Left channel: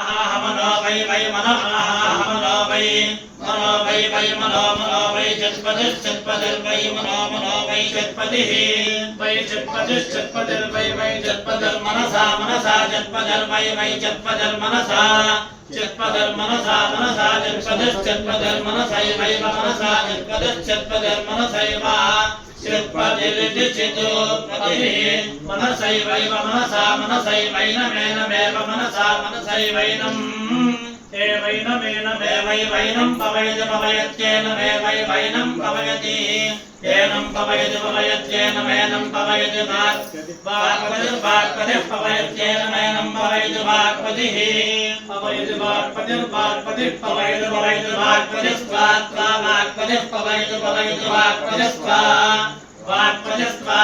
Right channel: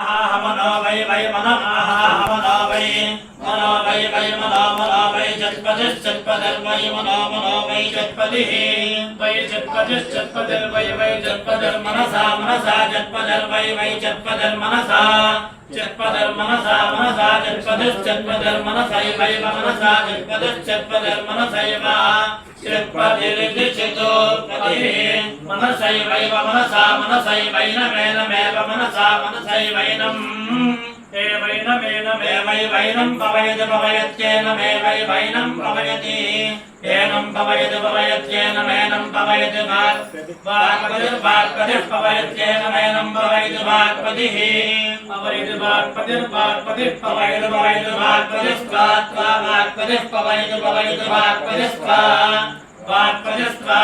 मनो वै वै मनो मनो वै मनो वै वै मनो मनो वै चत्पदिश्चत्पदिर्वै मनो मनो वै चत्पदिः वै चत्पदिश्चत्पदिर्वै वै चत्पदिर्मनसा मनसा चत्पदिर्वै वै चत्पदिर्मनसा चत्पदिर्मनसा मनसा चत्पदिश्चत्पदिर्मनसैव मनसा चत्पदिश्चत्पदिर्मनसैव चित्पदिर्चितो मनसैवैव मनसा मनसैवैनमेनमेव मनसा मनसैवैनम् एवैनमेनमेवैवैनं पवयति पवयत्येनमेवैवैनं पवयति एनं पवयति पवयत्येनमेनं पवयति वाक्पतिर्वाक्पतिः पवयत्येनमेनं पवयति वाक्पतिः पवयति वाक्पतिर्वाक्पतिः पवयति पवयति वाक्पतिस्त्वा वाक्पतिः पवयति पवयति वाक्पतिस्त्वा वाक्पतिस्त्वा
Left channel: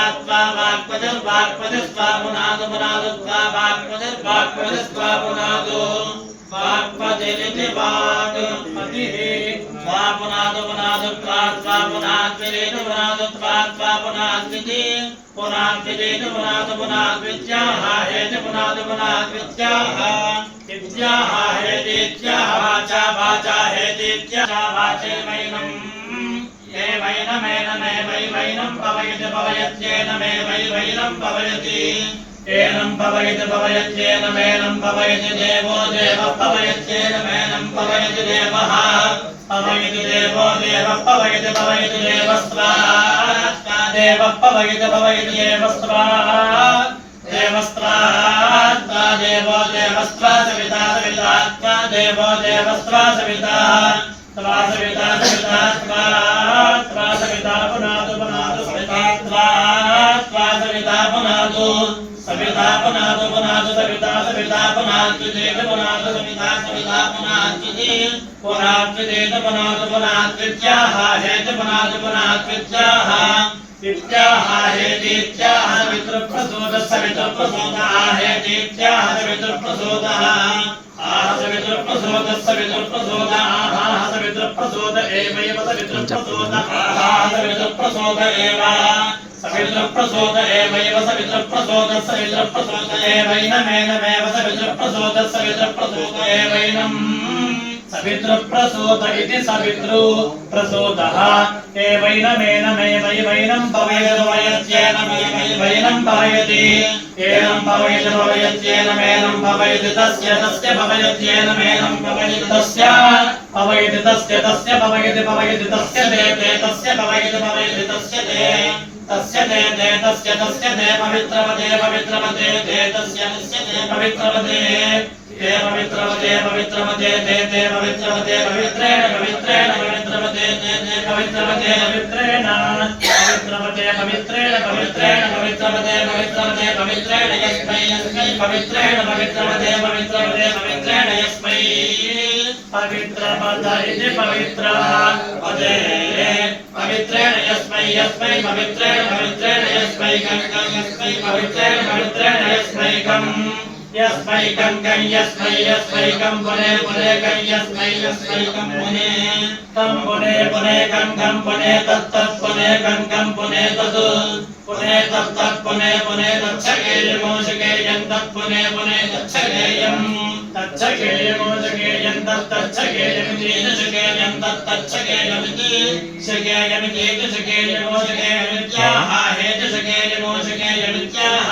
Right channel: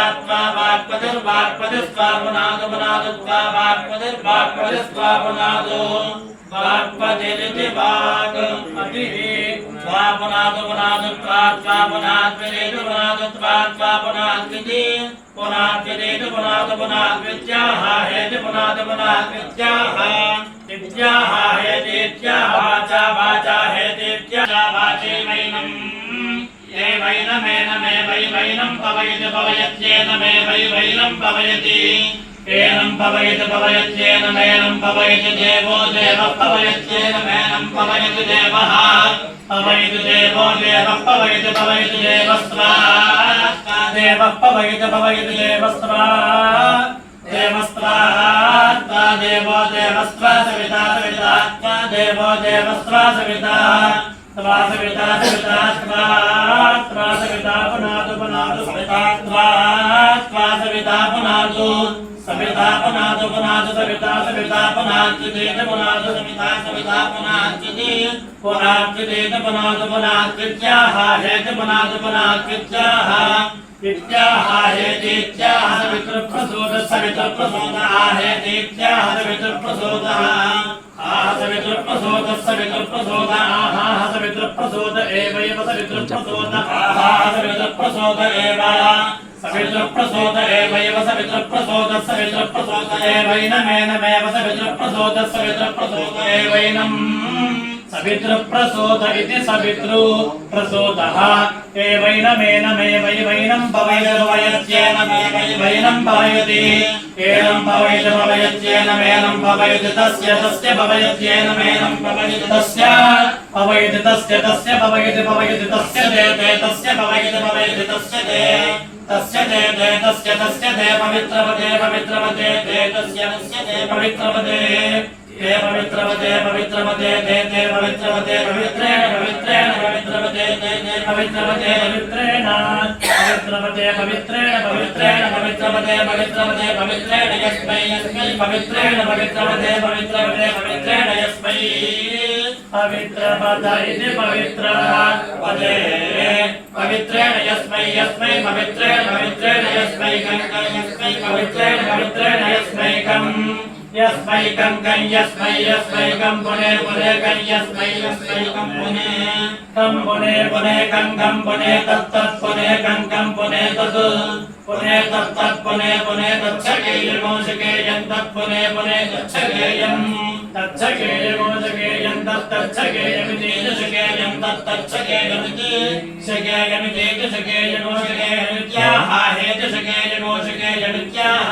वाक्पतिर्वाक्पतिस्त्वा पुनादो पुनादोत्वा वाक्पतिर्वाक्पतिस्त्वा पुनादो वाक्पतिरिति वाक्पतिः त्वा पुनादो पुनादोत्वा त्वा पुनाद्विरेति पुनादोत्वा त्वा पुनाद्विति पुनाद्विरेति पुनादो पुनाद्वित्याह हेति पुनादो पुनाद्वित्याह इत्याह हेतीत्याह वाचा वाचा हेतीत्याह वाचेमैनम् एवैनमेनमेवैवैनं पवयति पवयत्येनमेवैवैनं पवयति एनं पवयति पवयत्येनमेनं पवयति देवो देवः पवयत्येनमेनं पवयति देवः पवयति देवो देवः पवयति पवयति देवस्त्वा देवः पवयति पवयति देवस्त्वा देवस्त्वा देवो देवस्त्वा सविता सविता देवो देवस्त्वा सविता त्वा सविता सविता त्वा सविता पुनादु पुनादु सविता त्वा सविता पुनादु सविता पुनादु पुनादु सविता सविता पुनाच्युतेन पुनादु सविता सविता पुनाच्युते पुनाच्युतेन पुनादु पुनाच्युत्याह हेति पुनादु पुनाच्युत्याह इत्याह हेतीत्याह सवितृप्रसूदः सवितृप्रसूदः हेतीत्याह सवितृप्रसूदः सवितृप्रसूदः सवितृप्रसूदः आहाः सवितृप्रसूद एवैव सवितृप्रसूद आहाः सवितृप्रसूद एव सवितृप्रसूद एवैव सवितृप्रसूदः सवितृप्रसूद एवैनमेनमेव सवितृप्रसूदः सवितृप्रसूद एवैनम् सवितृप्रसूद इति सवितृप्रसूदः एवैनमेनमेवैवैनं पवयति पवयत्येनमेवैवैनं पवयति एनं पवयति पवयत्येनमेनं पवयति तस्य तस्य पवयत्येनमेनं पवयति तस्य पवयति तस्य तस्य पवयति पवयति तस्य ते तस्य पवयति पवयति तस्य ते तस्य ते तस्य ते पवित्रवते पवित्रवते ते तस्य ते पवित्रवते ते पवित्रवते पवित्रवते ते पवित्रवते पवित्रेण पवित्रेण पवित्रवते ते पवित्रवते पवित्रेण पवित्रवते पवित्रेण पवित्रेण पवित्रवते पवित्रवते पवित्रेण यस्मै यस्मै पवित्रेण पवित्रवते पवित्रवते पवित्रेण यस्मै पवित्रपद इति पवित्रः पदे पवित्रेण यस्मै यस्मै पवित्रेण पवित्रेण यस्मैकं यस्मै पवित्रेण पवित्रेण यस्मैकं यस्मैकं कं यस्मै यस्मैकं पुने पुने कं यस्मै यस्मैकं पुने कं पुने पुने कं पुने तत्तत् पुने कं पुने तत् पुने तत्तत् पुने पुने तच्छकेयमोषकेयं तत् पुने पुने तच्छकेयं तच्छकेयमोषकेयं तच्छकेयमितीशकेयं तच्छकेयमिति शकेयमितीति शकेयमोषकेयमित्याह हेतिशकेयमोषकेयमित्याह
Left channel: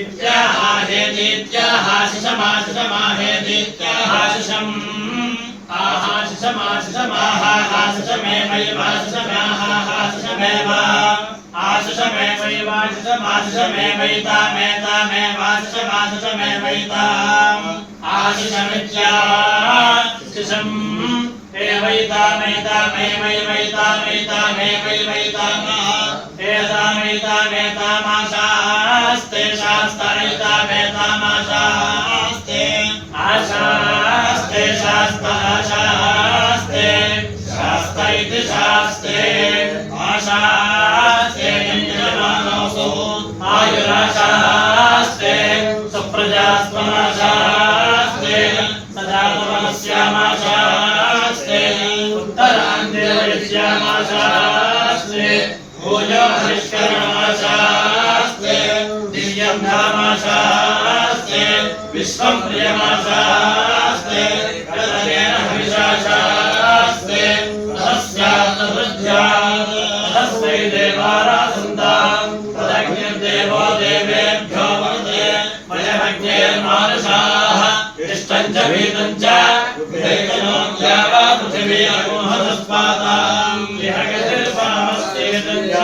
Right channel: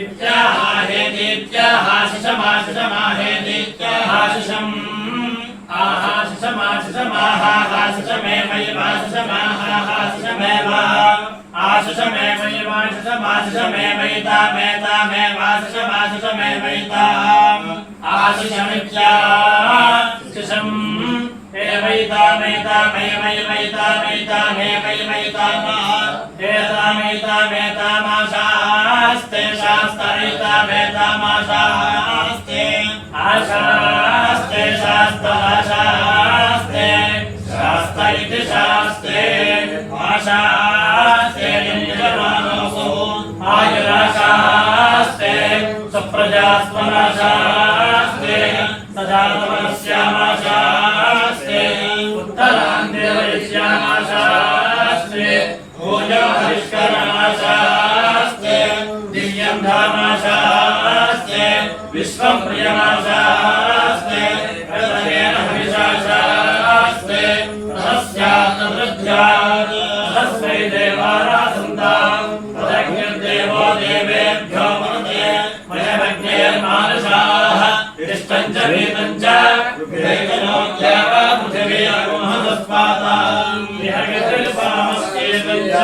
इत्याह हेतीत्याह शिशमाशिषमाहेतीत्याह शिशम् आहाशिषमाशिषमाह शिषमेवैवाशिषमाह शिषमेव आशिषमेवैतामेवाशिषमेवैतामेवाशिषमाशिषमेवैताम् आशिषमित्याशिषम् एतामेतामेवैवैतामेतामेवैतामाशास्ते शास्त्रैतामेतामाशास्ते आशास्ते शास्त्राशास्ते शास्त्र इति शास्त्रे आशास्ते इन्द्रमानसो आयुराशास्ते सुप्रजास्त्वमाशास्ते सदा पुनश्यामाशास्ते उत्तरान्ते वैश्यामाशास्ते भोजो हरिष्करमाशास्ते दिव्यं धामाशास्ते विश्वं प्रियमाशास्ते देवारासन्ताम् तदग्निर्देवो देवेभ्यो मनुते वयमग्नेर्मानुषाः तिष्ठञ्च भीतञ्च दैवनोऽद्यावा पृथिवी अगुंहतस्पाताम् विहगितिर्सामस्येतञ्च